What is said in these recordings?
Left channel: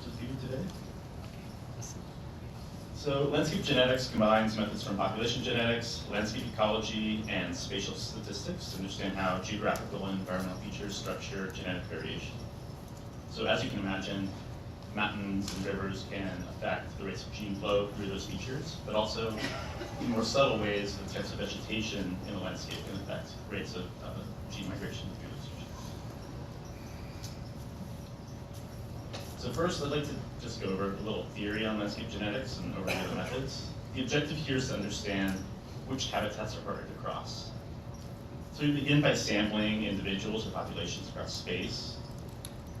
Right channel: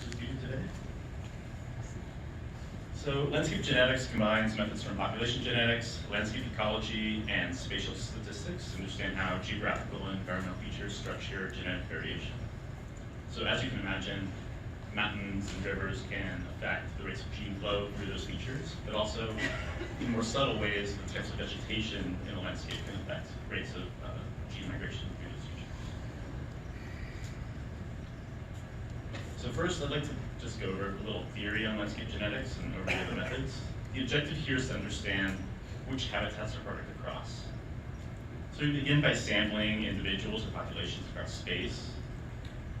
present with you today. So landscape genetics combines methods from population genetics, landscape ecology, and spatial statistics to understand how geographical and environmental features structure genetic variation. So as you can imagine, mountains and rivers can affect the rates of gene flow through those features, but also in more subtle ways, the types of vegetation in a landscape can affect rates of gene migration through those features. So first, I'd like to just go over a little theory on landscape genetics and overview the methods. The objective here is to understand which habitats are harder to cross. So we begin by sampling individuals or populations across space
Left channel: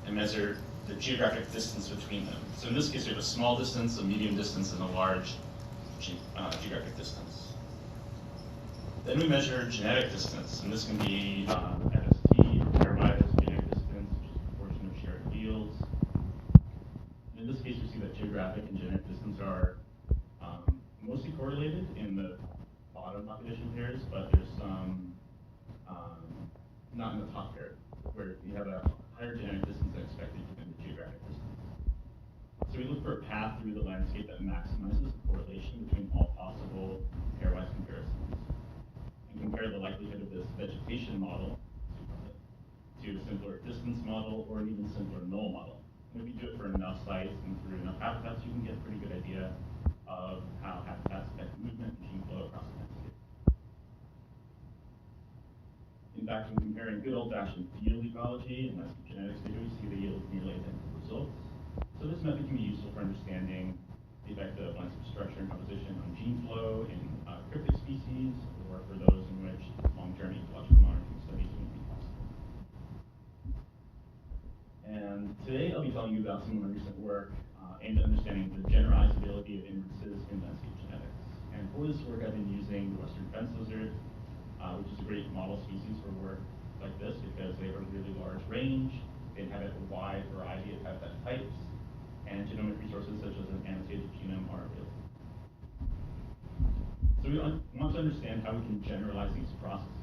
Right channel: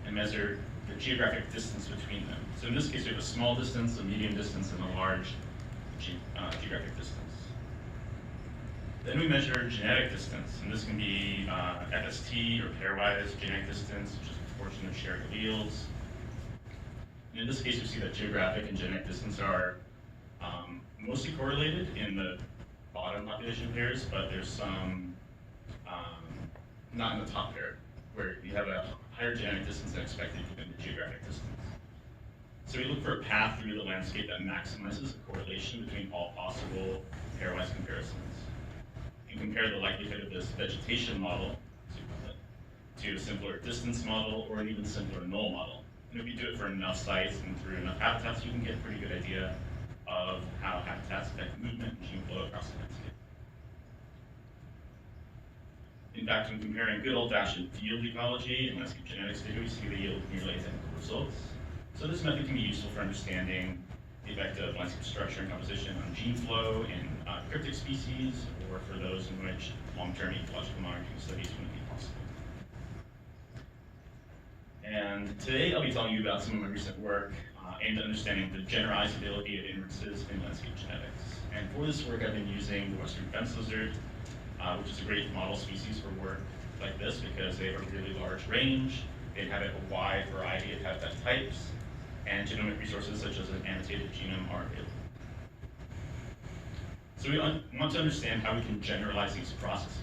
and measure the geographic distance between them. So in this case, we have a small distance, a medium distance, and a large geographic distance. Then we measure genetic distance, and this can be FST or pairwise genetic distance, which is a proportion of shared alleles. In this case, we see that geographic and genetic distance are mostly correlated in the bottom population pairs, but there's some not in the top pair, where you have a higher genetic distance than expected given the geographic distance. So we look for a path through the landscape that maximizes the correlation between all possible pairwise comparisons, and compare the likelihood of this vegetation model to a simpler distance model or an even simpler null model. And if you do it for enough sites and through enough habitats, you can get a pretty good idea of how habitats affect movement and gene flow across the landscape. In fact, when comparing good old-fashioned field ecology and landscape genetics data, we see they yield nearly identical results. So this method can be useful for understanding the effect of landscape structure and composition on gene flow in cryptic species, or for those in which long-term ecological monitoring studies wouldn't be possible. And today I'll be telling you about some of my recent work aimed at understanding the generalizability of inferences in landscape genetics. And for this work, I've been using the western fence lizard, which is a great model species for work like this because they have a really large range, they inhabit a wide variety of habitat types, and genomic resources such as an annotated genome are available. So we want to understand how we can generalize these processes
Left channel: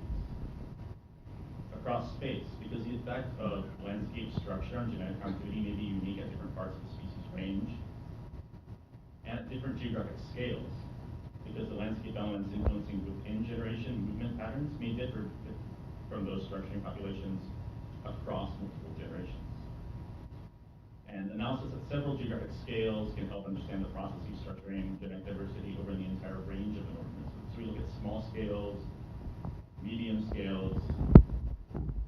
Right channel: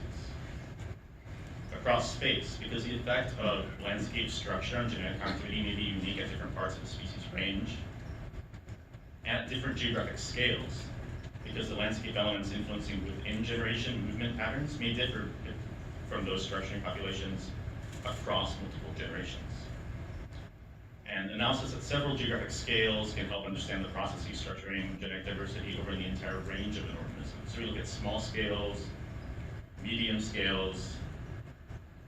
across space, because the effect of landscape structure on genetic connectivity may be unique at different parts of the species range and at different geographic scales, because the landscape elements influencing within generation movement patterns may differ from those structuring populations across multiple generations. And analysis at several geographic scales can help understand the processes structuring genetic diversity over the entire range of an organism. So we look at small scales, medium scales,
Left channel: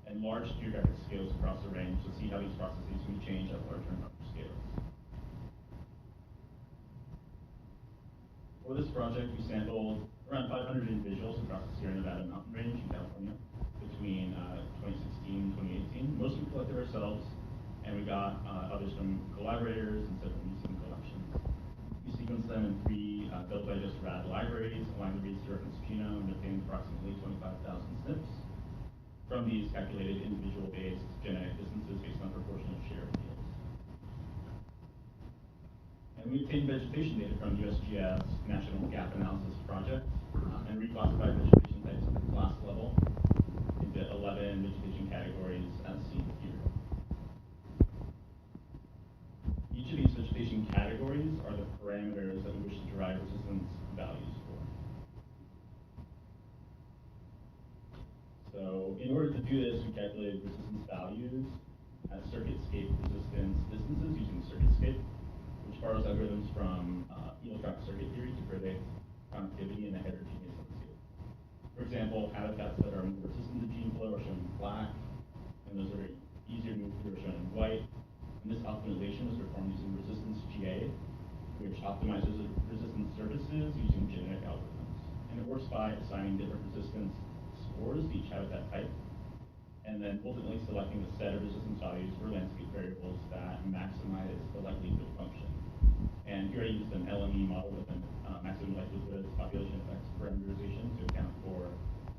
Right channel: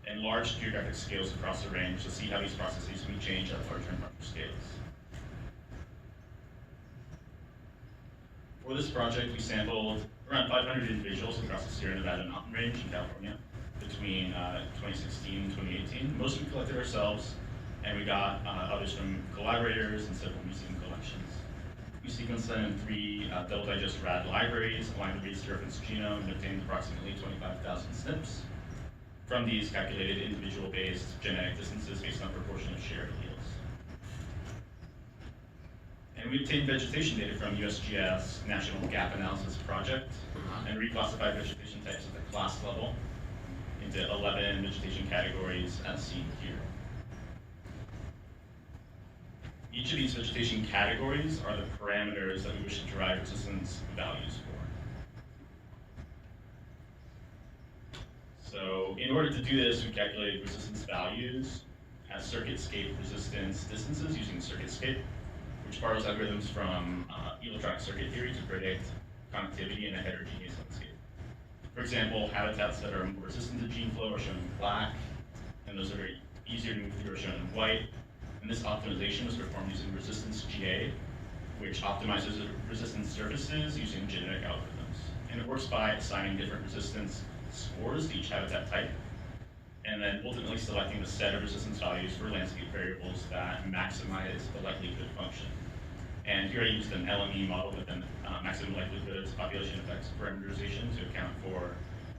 and large geographic scales across the range to see how these processes may change at larger and larger scales. For this project, we sampled around 500 individuals across the Sierra Nevada mountain range in California between 2016 and 2018. Most we collected ourselves, and we got others from collaborators and several museum collections. We sequenced them in 3 double digest rad libraries, aligned the base reference genome, and obtained approximately 25,000 SNPs. From these calculated individual-based genetic distances based on proportion of shared alleles. And we obtained vegetation data from USGS National Gap Analysis Project and reclassified vegetation types at the class level into 11 vegetation categories as seen here. Each of these vegetation categories are the parameters that we wish to derive resistance values for. So in order to do this, we calculated resistance values as circuitscape resistance distances using circuitscape, which borrows algorithms from electronic circuit theory to predict connectivity in a heterogeneous landscape. For example, habitats that are more resistant to gene flow are shown in black, and those that are easier to move through are shown in white. And this optimization was performed using resistance GA, which optimizes resistance surfaces using genetic algorithms. And it works by assigning different resistance scores to each habitat type, and then ultimately selecting the set of resistance values for landscape variables that maximize the likelihood function. And here I used an LME model with an maximum likelihoods population effects parameterization to account for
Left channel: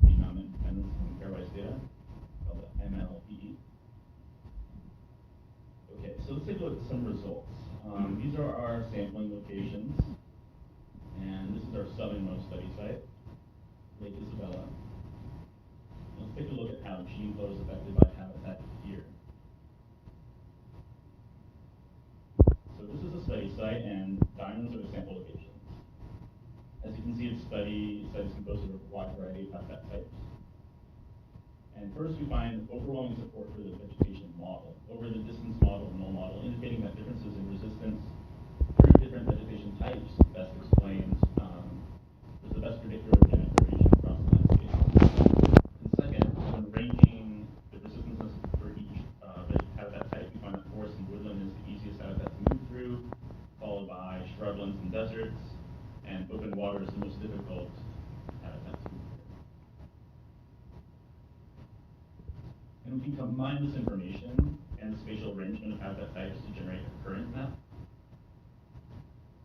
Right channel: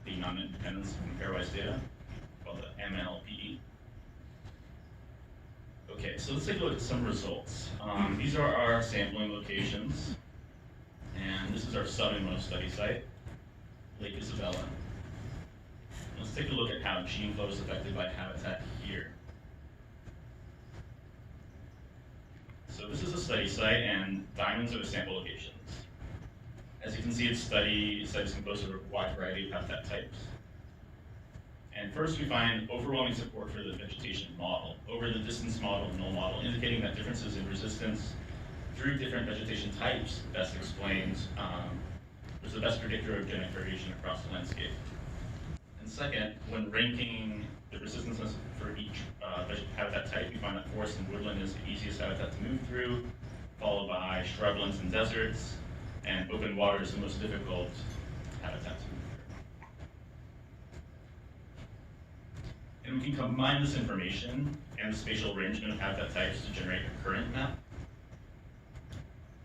the non-independence from pairwise data, called the MLPE. Okay, so let's take a look at some results. These are our sampling locations, and this is our southernmost study site, Lake Isabella. Let's take a look at how gene flow is affected by habitat here. So this is a study site, and diamonds are the sample locations. As you can see, studies composed of a wide variety of habitat types. And first, we find overwhelming support for the vegetation model over the distance model and null model, indicating that differences in resistance through different vegetation types best explains, was the best predictor of genetic variation across the landscape. And second, when ranking the resistance for each habitat type, we find that forest and woodland is the easiest habitat to move through, followed by shrublands and deserts, and open water is the most difficult habitat to move through. And we can combine this information and the spatial arrangement of habitat types to generate a current map,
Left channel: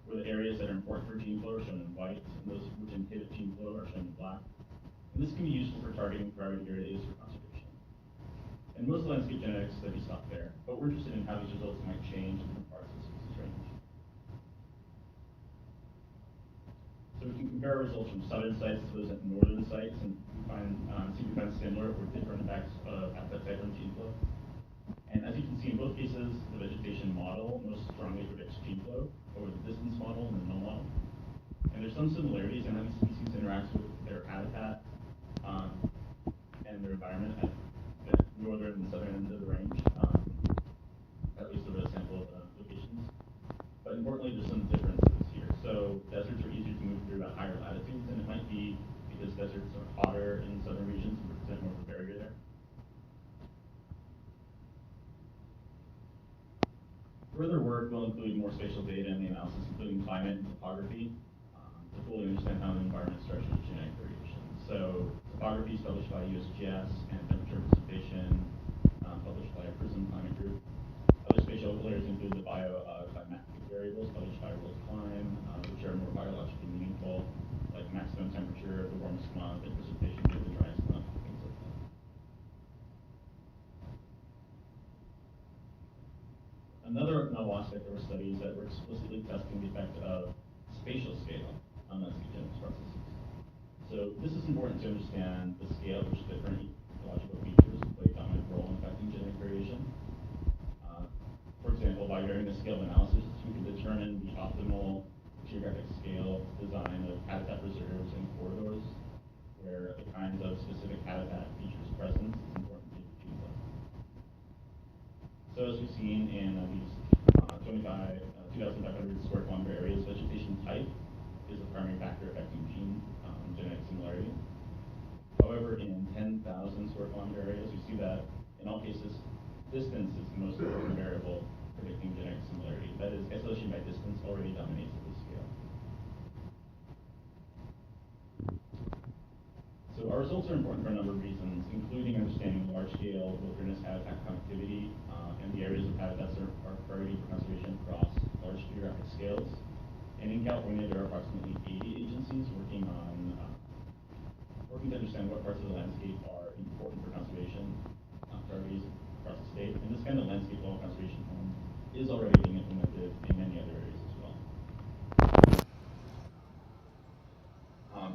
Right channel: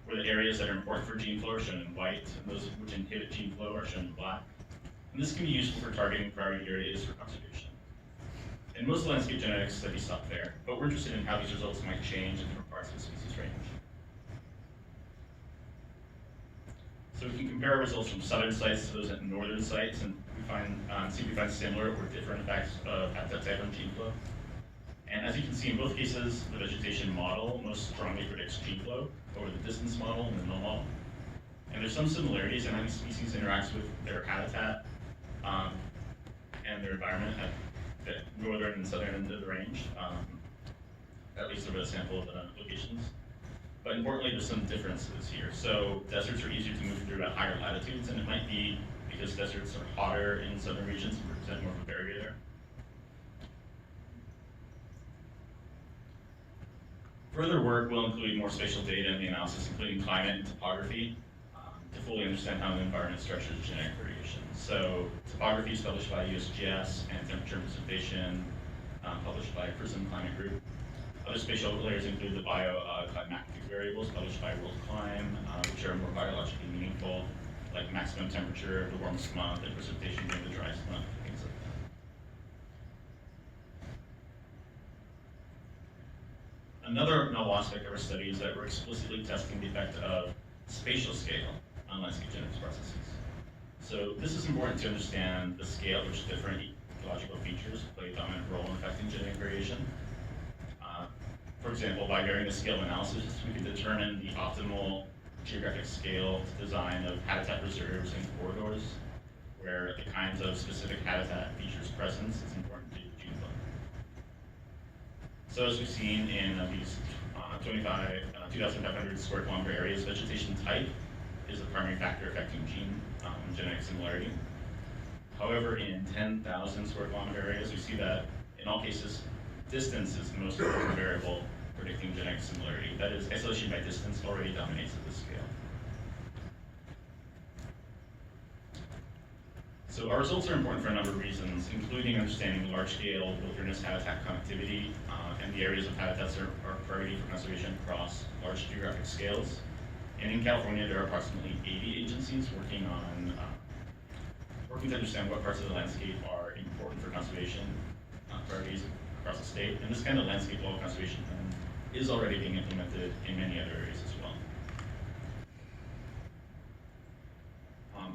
where the areas that are important for gene flow are shown in white, and those which inhibit gene flow are shown in black. And this can be useful for targeting priority areas for conservation. And most landscape genetics studies stop there, but we're interested in how these results might change in different parts of the species range. So we can compare results from southern sites to those at northern sites, and we find similar or different effects of habitat type on gene flow. And as you can see, in both cases, the vegetation model most strongly predicts gene flow over the distance model and the null model. And there's some similarities in how these species interacts with their habitat and their environment at the northern and southern end of the range, at least over a sample of locations. But importantly, there's some differences here. So deserts are easier to move through at higher latitudes, and it might be because deserts are hotter in southern regions and represent more of a barrier there. Further work will include more spatial data in the analysis, including climate and topography, to fully understand how the environment structures genetic variation. So topography is published by USGS, and temperature and precipitation published by PRISM Climate Group. Other spatial layers include the bioclimatic variables published by World Climb, which are more biologically meaningful, like maximum temperature of the warmest month and precipitation during the driest month, things like that. Another novel aspect of our study is that we're explicitly testing the effect of spatial scale on landscape genetics processes. So this is important to understand the scale at which different ecological features play a dominant role in affecting genetic variation. For example, by varying the scale of analysis, we can determine the optimal geographic scale design of habitat reserves and corridors, where the kinds of specific habitat features presence is important to gene flow. So as we've seen in these 2,500 square kilometer areas, vegetation type is the primary factor affecting genetic similarity. However, in 10,000 square kilometer areas, we see that in all cases, distance is the most important variable predicting genetic similarity. That is, isolation by distance already dominates at this scale. So our results are important for a number of reasons, including understanding large-scale wilderness habitat connectivity and the areas of habitats that are priority for conservation across large geographic scales. And in California, there are approximately 80 agencies working to understand what parts of the landscape are important for conservation priorities across the state. And this kind of landscape level conservation plan is already being implemented in many other areas as well.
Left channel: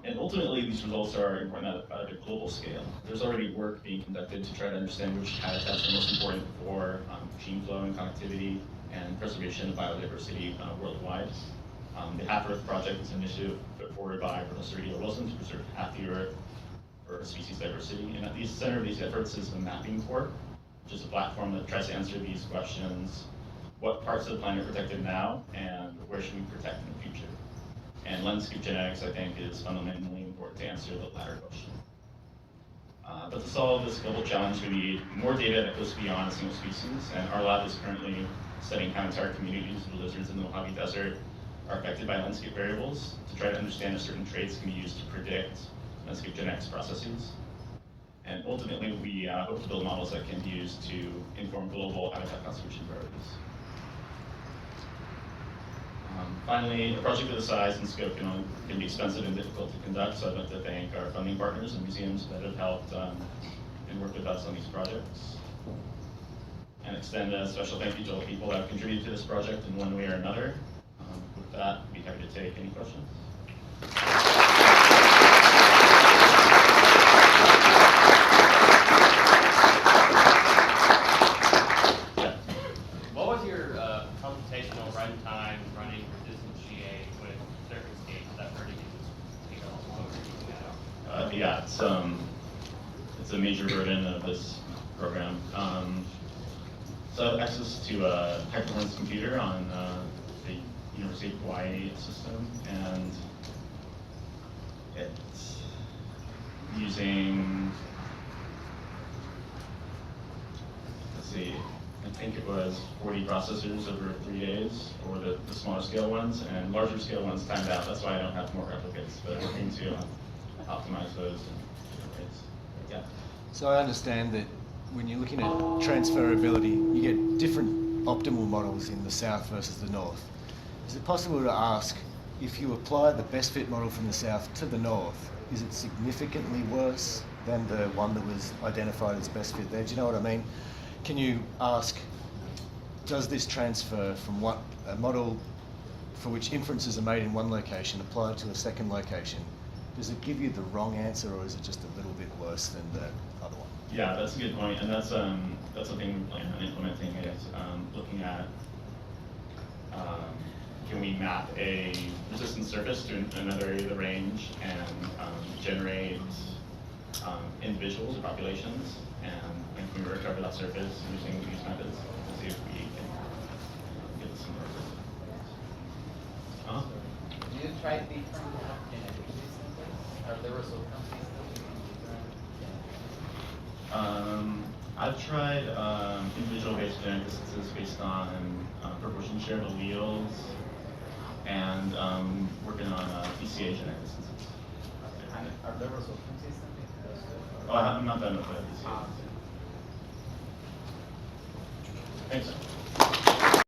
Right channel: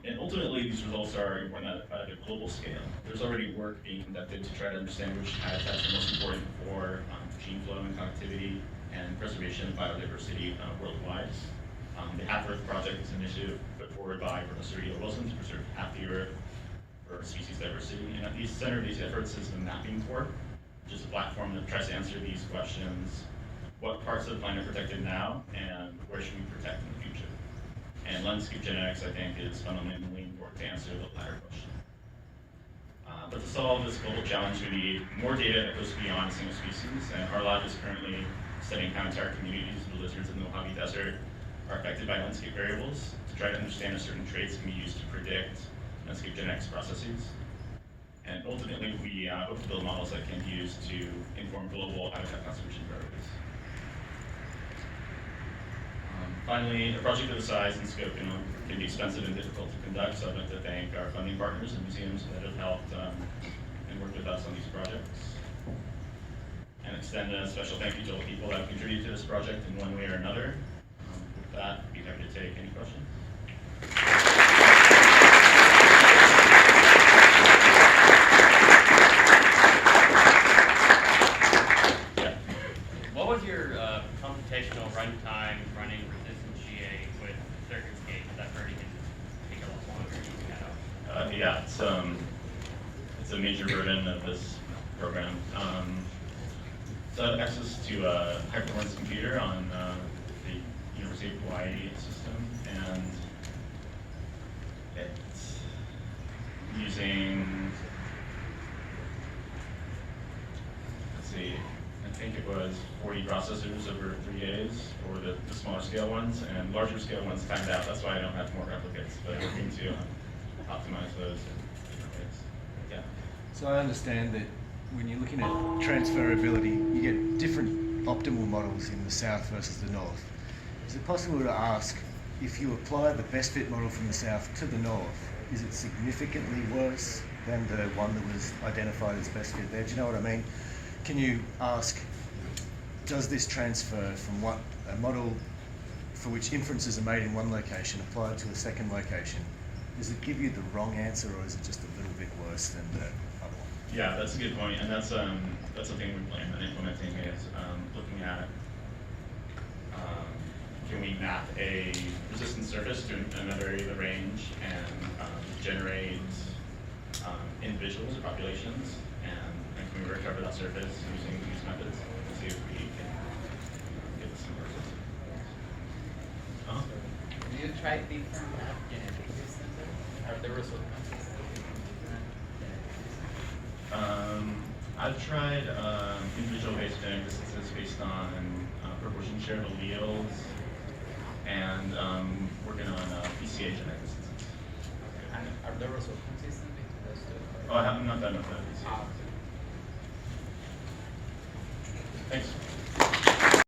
And ultimately, these results are important at a global scale. There's already work being conducted to try to understand which habitats are most important for gene flow and connectivity and preservation of biodiversity worldwide. The Half Earth Project is an initiative put forward by Professor E.O. Wilson to preserve half the Earth for species diversity. And at the center of these efforts is the Mapping Corps, which is a platform that tries to answer these questions: what parts of the planet are protected now, and where should we protect in the future? And landscape genetics, I think, is fundamentally important to answer the latter question. But to solve this global challenge, we need more data that goes beyond a single species, and our lab is currently studying how entire communities of the lizards in the Mojave Desert are affected by landscape variables to try to understand if certain traits can be used to predict landscape genetics processes. And ultimately, we hope to build models that can be used to inform global habitat conservation priorities. Finally, a project of the size and scope can be expensive and difficult to conduct, so I'd like to thank our funding partners and museums that have helped and worked with us on these projects. And extend a special thank you to all the people that have contributed to this project in one way or another. With that, I'd be happy to take any questions. What was your computational runtime running resistant GA with CircuitScape, that already can take a lot longer to get out. Yeah, it's a major burden of this program. So I have access to a high-performance computer on the University of Hawaii system, and it's using, let's see, I think it was 40 processors over 3 days for the smaller scale ones, and larger scale ones timed out. That's why I don't have more replicates, but working to optimize those in different ways. Yeah. So I understand that when you're looking at transferability, you get different optimal models in the south versus the north. Is it possible to ask, if you apply the best fit model from the south to the north, is it significantly worse than the one that was identified as best fit there? Do you know what I mean? Can you ask, does this transfer from a model for which inferences are made in one location applied to a second location? Does it give you the wrong answer, or is it just a little bit worse than the other one? Yeah, that's a good point, and that's something we plan on implementing is looking at can we map a resistant surface to another area of the range and generate individuals or populations, and can we recover that surface using these methods and see if we can get the similar results. Do you try different genetics? Are there results? I've tried individual-based genetic distances based on proportion share of alleles, and working on PCA genetic distances. And are the results consistent between those two? Oh, I'm not done with that. Thanks.